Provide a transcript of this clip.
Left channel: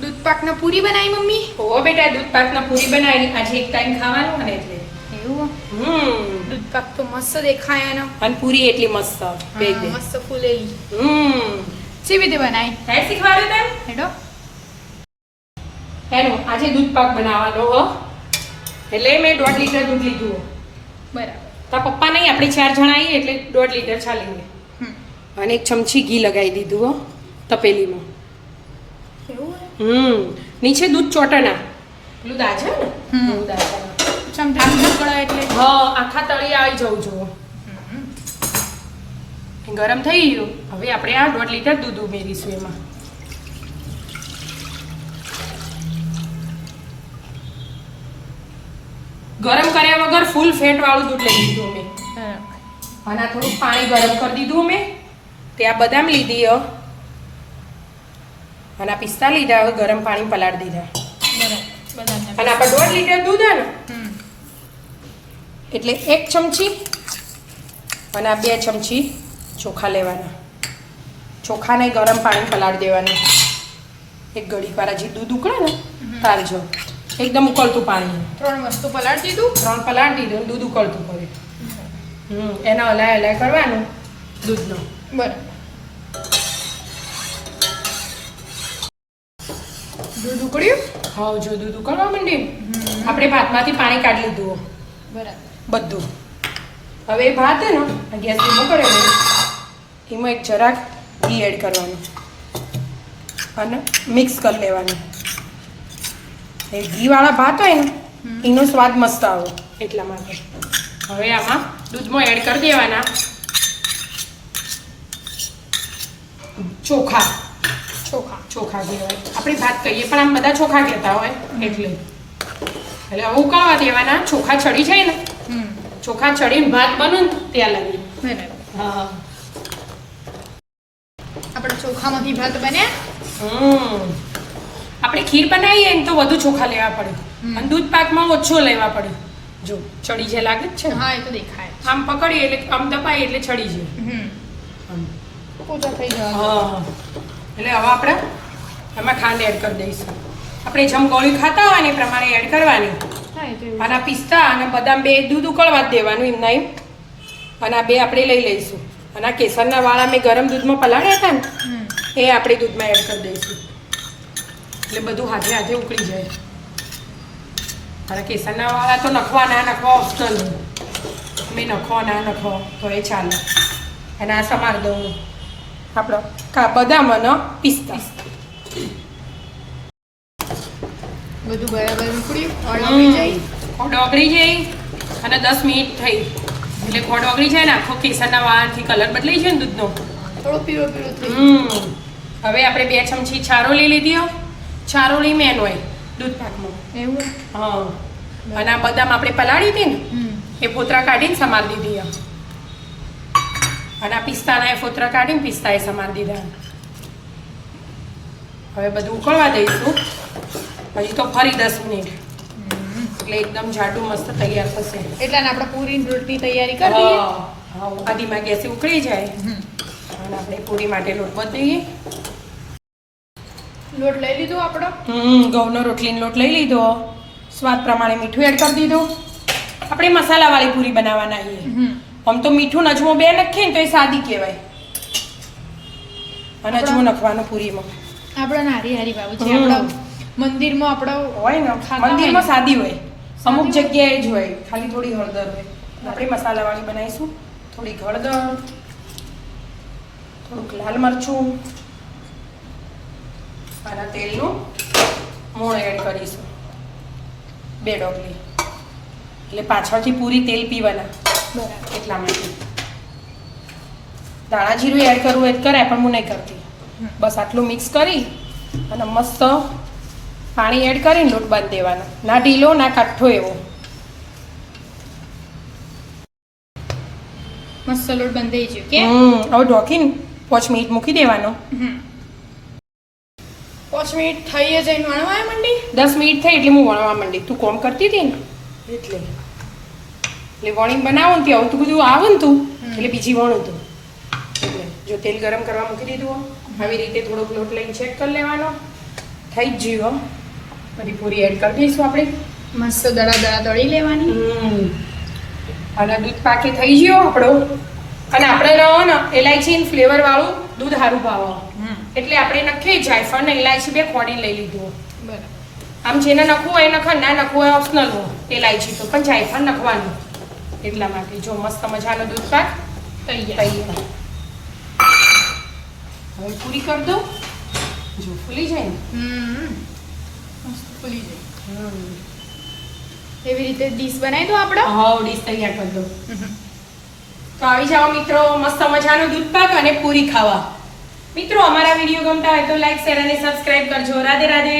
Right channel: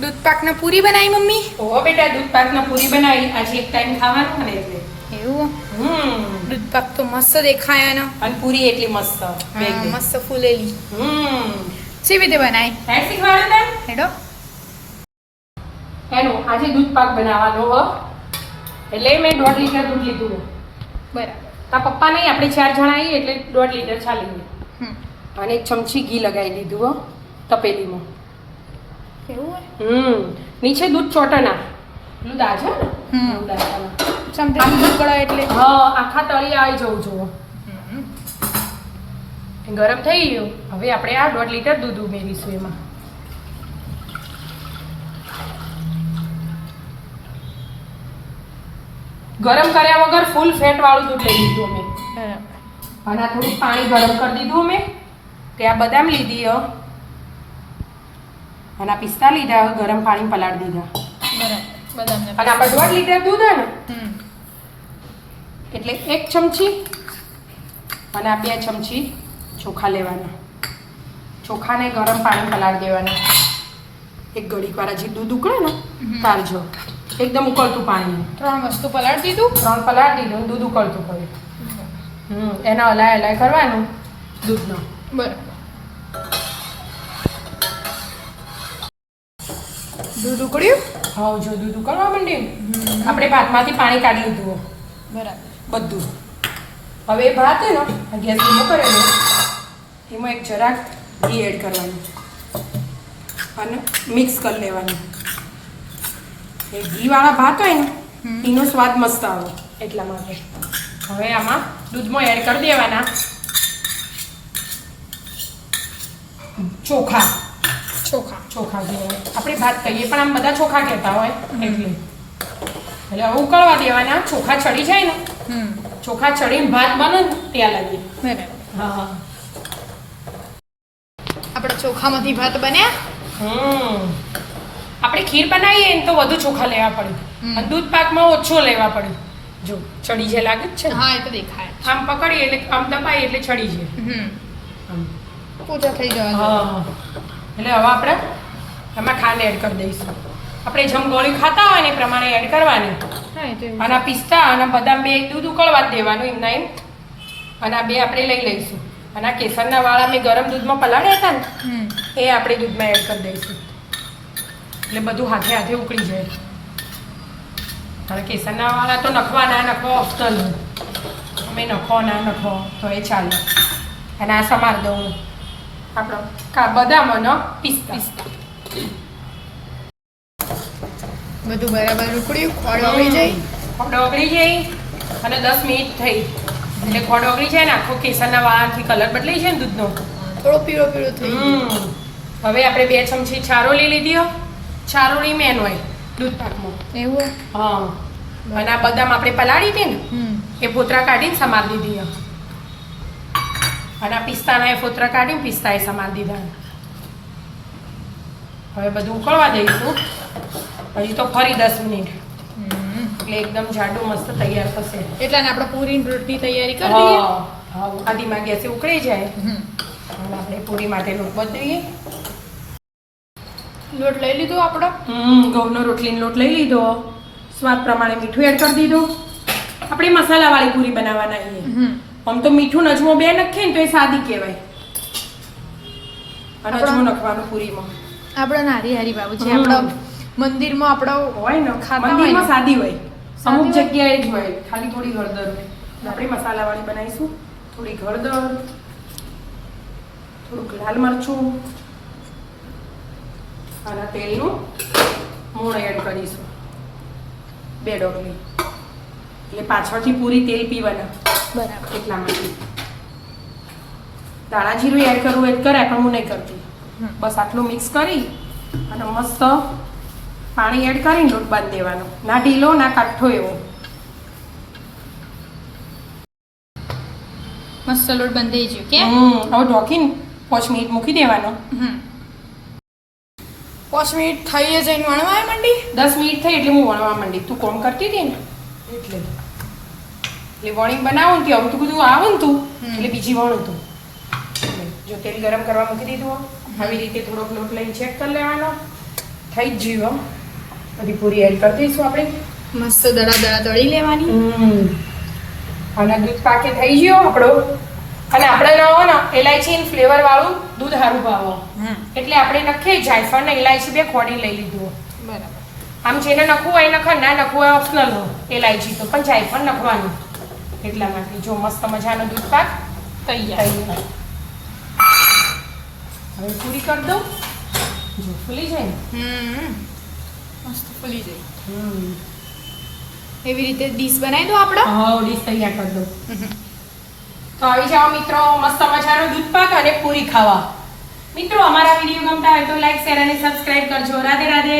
દૂધ પાકના પૂરી બનાવી મમ્મી? ઓ બેટા દૂધ પાકના પૂરી બનાવી. આજે એક ટાઈમ ખાવાનું ને એટલે. એવું? દૂધ પાક તો મસ્ત દેખાય એનો. અને પૂરી એટલી મસ્ત મસ્ત ફૂલેલી. કેવી રીતે બનાવી? કાઈ શીખવાડે તને? હેડો. એનું આજે દૂધ પાક બનાવવાનો એટલે મેં 1.5 લીટર દૂધ લીધું. બરાબર. તારા પપ્પા નહીં, આપણે 4 જણા આવીએ એટલે 1.5 લીટર ચાલી. અને 1 ચમચી ઘી લગાવી દીધું તપેલીમાં. કેવું હોય? નીચે દૂધ ચોટના પેલું દાજા ને દાજા ચમચા દૂધ કળાય એટલે આખા તળિયે આવી જવું જોઈએ. ગરમ થઈ ગયું. હવે આપણે આ 1.5 લીટર દૂધ ઉમેરીશું એમાં. ગરમ કર્યા વગર ફૂલ ફેટ વાળું દૂધ લઈ લીધું અમે. અને આ થોડું પાણી ગરમ કરી દીધું અમે. ત્યાં બદામ લીધી અને આ પિસ્તા લીધા. હવે ગરમ પાણી પલાળી દીધા. બરાબર. અને આપણે 1.5 લીટર દૂધ હે ને એટલે 1 ચમચી અને આ 2 ચમચી ચોખા લેવાના. ચોખાને ગરમ પાણી પલાળી દેવાના. એક ઘડીક વાર હજી દૂધ ઉકળે ને તારજો. એકદમ ઉકળતું પાણી. 3 વસ્તુ પલાળી દીધું. 3 પલાળી દીધું અને દૂધ ઉકળતું પડ્યું. એના હલાય કરવાનું દૂધનો. બરાબર. દૂધ ઉકળ્યું? હા, જો દૂધ ઉકળવા માંડ્યું આપણે ભાતમાંથી પાણી કાઢી લીધું. બરાબર. બધું. હવે એ ભાત હે ને ગેસ ધીમો કરેલો એમાં એક જરાક ઘી એડ કરવાનું અને મિક્સ કરી લેવાનું. એ ઘીવાળા ભાત હોય ને એનો સ્વાદ મસ્ત આવે એટલા માટે. હવે આમાં દૂધમાં એડ કરી દેવાના ચોખા. ચોખા કહેવાય, આપણે ભાત કહીએ પણ આમ બધા ચોખા કહેતા હોય એટલે. હવે ઉકળવા દેવાના. ચોખા ચડી જાય ને ચોખા ચડીને ભાત બને ત્યાં લાગી. હા. આપણે ચોખામાંથી ભાત બન્યા. આપણે ખીર બનાવીએ ને તો વધુ ચોખા લેવા પડે અને દૂધ પાકમાં ઓછો લેવા પડે. જો ચડી જાય લાગે જ છે. હા, એ તો દેખાય. આમ પકડીએ એટલે આમ દબાઈએ એટલે ચડી જાય. પોચા થઈ જાય. હા. એટલે હવે આપણે એમાં ખાંડ એડ કરી દઈશું. આપણે જેમ ગોળી ખાતા હોય ને એ પ્રમાણે એડ કરવાની. અને આ પિસ્તા અને બદામ બે દૂધ ઉકળવા જ દેવાનું એમના એમ. અને આ બે આપણે લઈ લઈશું. અને આ કેસરના વાળા મેં ગરમ દૂધમાં પલાળ્યા હતા ને એ આપણે દૂધમાં એડ કરી દઈશું. એટલે બધું હાથે હાથે ઉકળી જાય. અને કેસરના વાળા તો નખવા ના નખવા ઓપ્શનલ. અમે નખો ના નખો તો એ ચાલે. અને આ સમાર દઉં આપણો બદામ અને પિસ્તા. બધું બરાબર ઉકળ્યું. ખોળ ઓગળી જાય. ખોળ ઓગળી જાય અને 10 મિનિટ થઈ એટલે ખોળ ઓગળી જાય ને આખો કેસરના વાળાથી કલર બદલાઈ જાય ને દૂધનો. થોડો પીળો પીળો થઈ. હવે આપણે 2 ચમચી ચારોળી લીધી. ચારોળી મેન હોય દૂધ પાકમાં. એવું? હા. અને આ બદામ આપણે પલાળી હતી ને એ ફોતરા કાઢીને સમાર દીધી. અને આ પિસ્તાના એ ફોતરા કાઢીને પિસ્તા એ સમાર દીધા. હવે બધું ઉકળવા દઈશું. હજી તો ફરી 10 મિનિટ એટલે એકદમ જાડું મસ્ત તૈયાર થશે. એટલે આપણે પૂરી રોટની તૈયારી કરી દઈએ. હા, આદીમાં ગેસે ઉકળી જાય અને આપણે પૂરી માટે લોટ બતાવીએ. લોટ લઈ લીધો આપણો. ઘઉંનો રોટલીનો લોટ લઈ લીધો. સ્વાદ પ્રમાણે મીઠું એડ કરી દીધું. આપણે મસાલાવાળી પૂરી બનાવવાના છીએ. આમ તો મીઠું અજમો બે નાખીએ ને તો એ સાદી કહેવાય. અને અજમો નાખવાનો પૂરીમાં. આપણો નારી હારી બાબુ છે. આપણો મંદિરમાં આપણો હોય ને ખાતા હોય ને સાદી હોય. અમુક જગ્યાએ જ હોય ખાલી થોડી હળદર હોય. આપણે મસાલાવાળી બનાવીશું. થોડી હળદર, થોડુંક લાલ મરચું અને તેલનું મૂળ એડ કરીશું 2 ડોકલી. એટલે પાછળથી પૂરી તેલ પીવાના. બરાબર. એટલા માટે દાણા જીરું એડ કરવું હોય કરે પણ હું નહીં કરતી. બસ આટલું મિક્સ કરી અને મસ્ત પાણી એડ કરીને લોટ બાંધી દેવાનો. ના ઢીલો ના કાઠો એવો. મસ્ત લોટ બંધાઈ ગયો કે હવે ઢોકીને 5 મિનિટ મૂકી દેવાનો. 5 મિનિટ થઈ જઈને વણવા માંડી. 10 મિનિટ થઈ એટલે હું વણવા માંડી. તું કોમ કરતી હતી ને એટલે વણી બનાવું ને આવતું બધું આવે ને તું એટલે બીજી વણું તું. એટલે જો તેલ ગરમ કરવા મૂકી દીધું આવી રીતે થોડોક લોટ લઈને ચેક કરી લેવાનો. થઈ જ જીવો બધી પૂરી એડ કરી દઈશું આપણે મસ્ત દડા તળી લેવાની. અને દૂધ પાકે થઈ ગયો આપણો. અને આપણે રહો ને ઇલાયચી ફ્લેવર વાળું દૂધ સારું ભાવો એટલે આપણે નખી જાયફળ ને ઇલાયચી બે ખોડી લઈ લીધું. બરાબર. આમ જેને નખવું હોય નખ, ના નખવું હોય ઓપ્શનલ ઇલાયચી તો, પણ જાયફળ નખવાનું એટલા માટે. જો મસ્ત મજાનો દૂધ પાક તૈયાર. હવે પૂરી કરી દઉં. જો ફૂલી જાય ને મસ્ત ફૂલી જાય. એવી રીતે ડીશ બનાવી દો આપણે. હા, ડીશ તૈયાર કરી દઉં. તો આવી જાઓ મિત્રો, મસ્ત મજાનું દૂધ પાક અને પૂરી ખાવા. મિત્રો અમારા વિડીયો ગમતા હોય તો લાઈક, શેર અને સબસ્ક્રાઇબ કરજો. રાધે રાધે.